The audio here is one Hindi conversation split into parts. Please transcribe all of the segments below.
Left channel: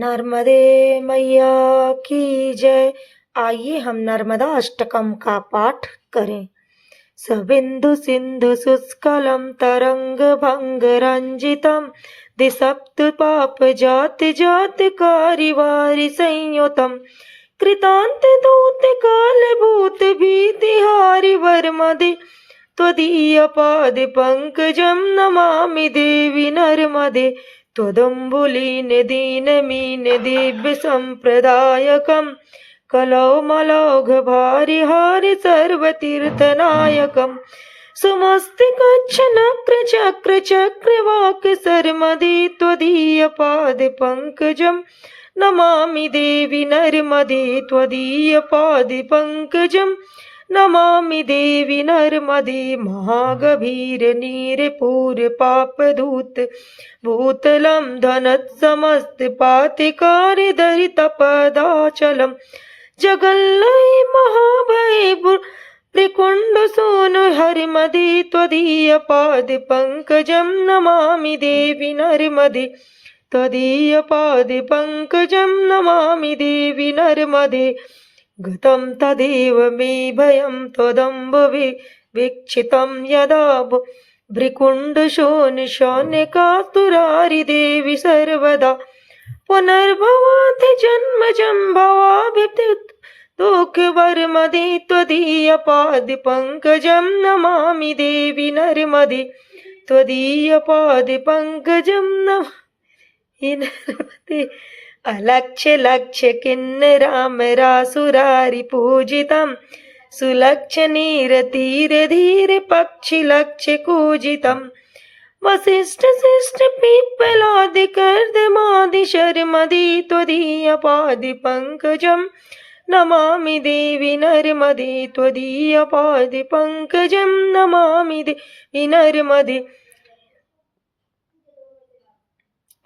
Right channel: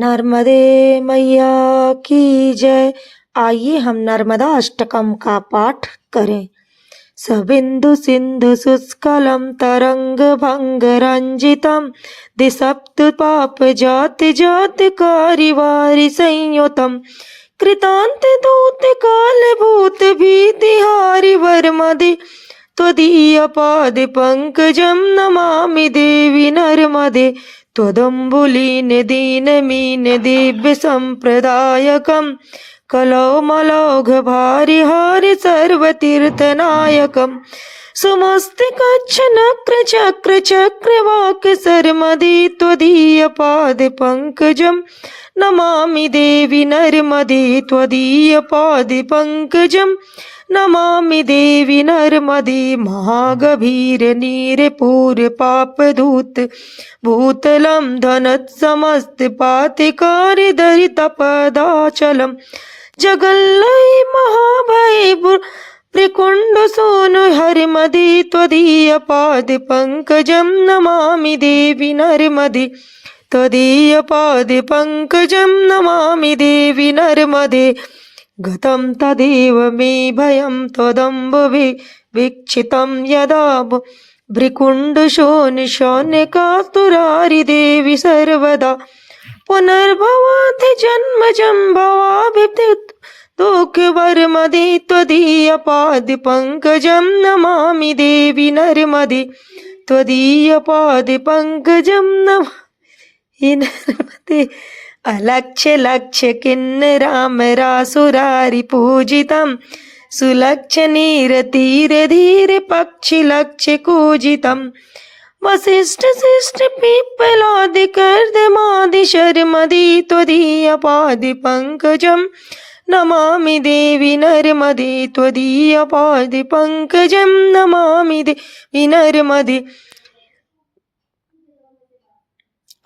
नर्मदे मैया की जय। आइए हम नर्मदा अष्टकम का पाठ करें। सबिंदु सिंधु सुस्कलम तरंग भंग रंजितम दिसप्त पाप जाति जाति कारिवारि संयुतम कृतांत दूत काल भूत भीतिहारि वर्मदे त्वदीय पाद पंकजम नमामि देवी नर्मदे त्वदम्बुलीन दीनमीन दिव्य संप्रदायकम कलौमलौघ भारि हारि सर्वतीर्थनायकम सुमस्तिकच्छ नक्र चक्र चक्रवाक सर्मदे त्वदीय पाद पंकजम नमामि देवी नर्मदे त्वदीय पाद पंकजम नमामि देवी नर्मदे महागभीर नीरपूर पापधूत भूतलं धनत्समस्त पातिकारि दरितपदाचलं जगल्लय महाभय त्रिकुंड सोनु हरिमदे त्वदीय पाद पंकजं नमामि देवी नर्मदे त्वदीय पाद पंकजं नमामि देवी नर्मदे गतं तदेव मे भयं त्वदम्बुभि वीक्षितं यदा भ्रिकुण्डशोनिशोनिकातुरारि देवि सर्वदा पुनर्भवाति जन्मजं भवाभिप्त दुःखवर्मदे त्वदीय पाद पंकजं नमामि देवी नर्मदे त्वदीय पाद पंकजं नमामि नर्मदे अलक्ष्य लक्ष्य किन्नरामरासुरारि पूजितं सुलक्ष्य नीर तीर धीर पक्षि लक्ष्य कूजितं वसिष्ठ शिष्ट पिप्पलादि कर्दमादि शर्मदे त्वदीय पाद पंकजं नमामि देवी नर्मदे त्वदीय पाद पंकजं नमामि देवी नर्मदे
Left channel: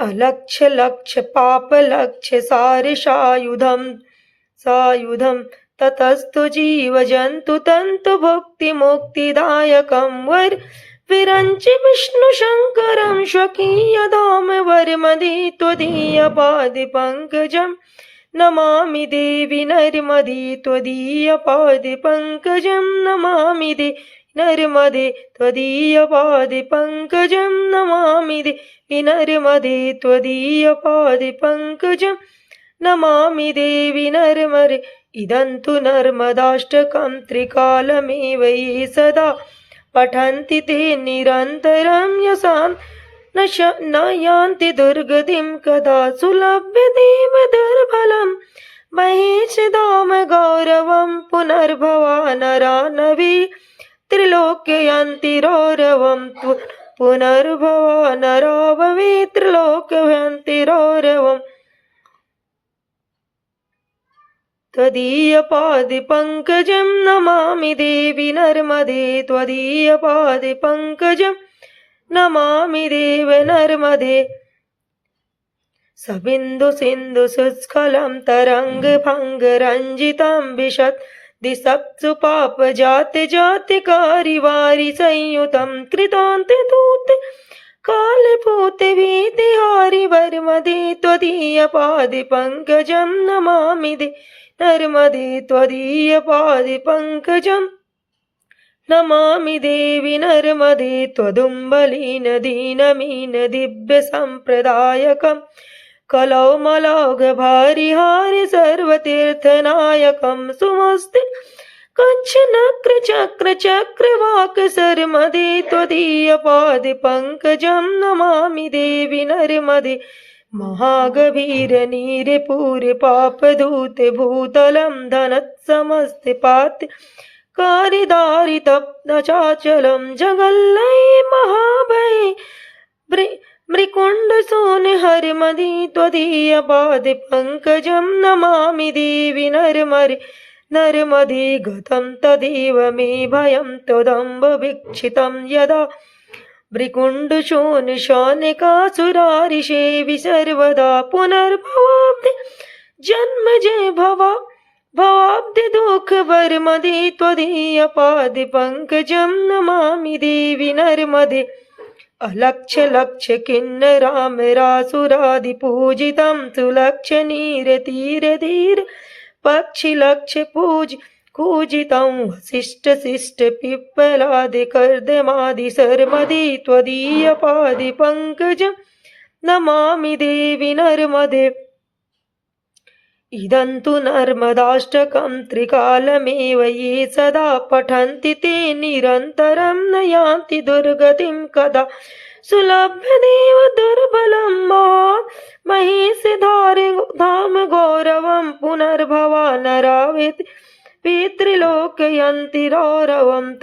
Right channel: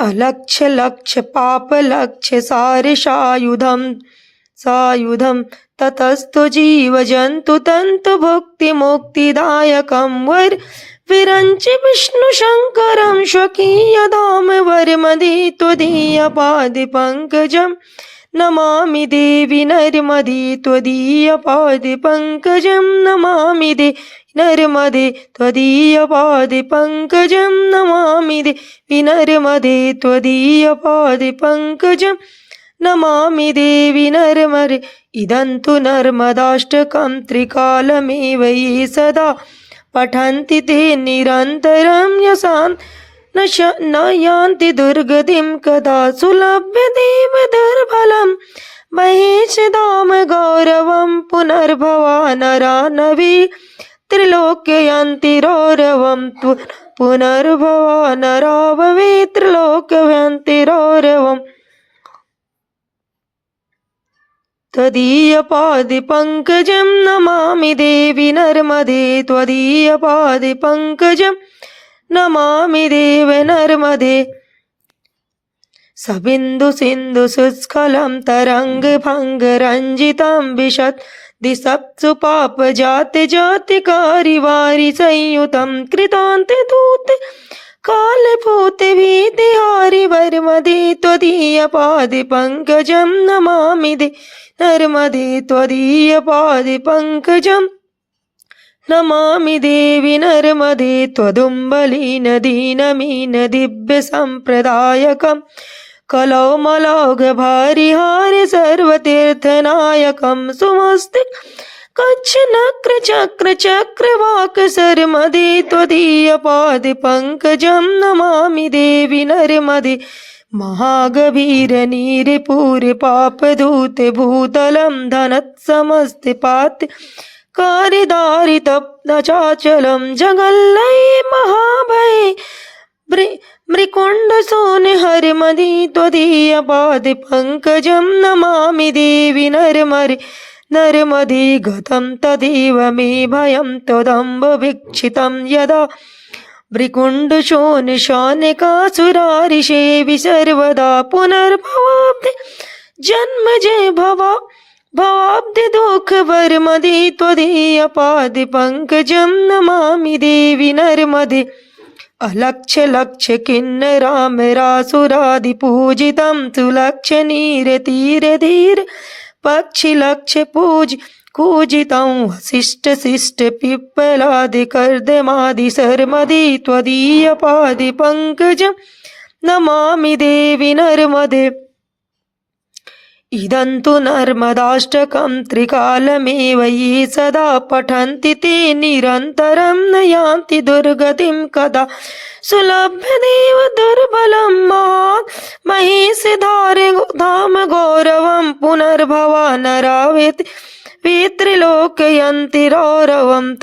अलक्ष्य लक्ष्य पाप लक्ष्य सारिषायुधं सायुधं ततस्तु जीव जंतु तंतु भुक्ति मुक्तिदायकं वर विरंच विष्णु शंकरं स्वकीय धाम वर्मदे त्वदीय पाद पंकजं नमामि देवी नर्मदे त्वदीय पाद पंकजं नमामि देवी नर्मदे त्वदीय पाद पंकजं नमामि देवी नर्मदे त्वदीय पाद पंकजं नमामि देवी नर्मदे इदं तु नर्मदाष्टकं त्रिकालमेव ये सदा पठन्ति ते निरन्तरं यशान् न यान्ति दुर्गतिं कदा सुलभ्य देव दुर्बलं महेशधाम गौरवं पुनर्भवा नरा नवी त्रिलोक्ययन्ति रौरवं पुनर्भवा नरा भवे त्रिलोक्ययन्ति रौरवम् त्वदीय पाद पंकजं नमामि देवी नर्मदे त्वदीय पाद पंकजं नमामि देवी नर्मदे सबिंदु सिंधु सुस्खलं तरंग भंग रंजितं विशत् दिसप्सु पाप जाति जाति कारिवारि संयुतं कृतांत दूत काल भूत भीतिहारि वर्मदे त्वदीय पाद पंकजं नमामि देवी नर्मदे त्वदीय पाद पंकजं नमामि देवी नर्मदे त्वदुम्बलीन दीनमीन दिव्य संप्रदायकं कलौमलौघ भारि हारि सर्वतीर्थनायकं सुमस्तिक कच्छ नक्र चक्र चक्रवाक सर्मदे त्वदीय पाद पंकजं नमामि देवी नर्मदे महागभीर नीरपूर पापधूत भूतलं धनत्समस्त पात कारिदारि तप्तचाचलं जगल्लय महाभय मृकुण्ड सोन हरिमदे त्वदीय पाद पंकजं नमामि देवी नर्मदे नर्मदे गतं तदेव मे भयं त्वदम्ब वीक्षितं यदा भ्रिकुण्ड शोनिकासुरारि सेवि सर्वदा पुनर्भवाब्धि जन्म जय भवाब्धि दुःख वर्मदे त्वदीय पाद पंकजं नमामि देवी नर्मदे अलक्ष्य लक्ष्य किन्नरामरासुरादिपूजितं सुलक्ष्य नीर तीर धीर पक्षि लक्ष्य कूजितं वसिष्ठ शिष्ट पिप्पलादि कर्दमादि शर्मदि त्वदीय पादि पंकजं नमामि देवी नर्मदे। इदं तु नर्मदाष्टकं त्रिकालमेव ये सदा पठन्ति ते निरन्तरं न यान्ति दुर्गतिं कदा। सुलभ्यदेव दुर्बलं मात् महेश धाम गौरवं पुनर्भवा नरा वेत्रिलोकयन्ति रौरवं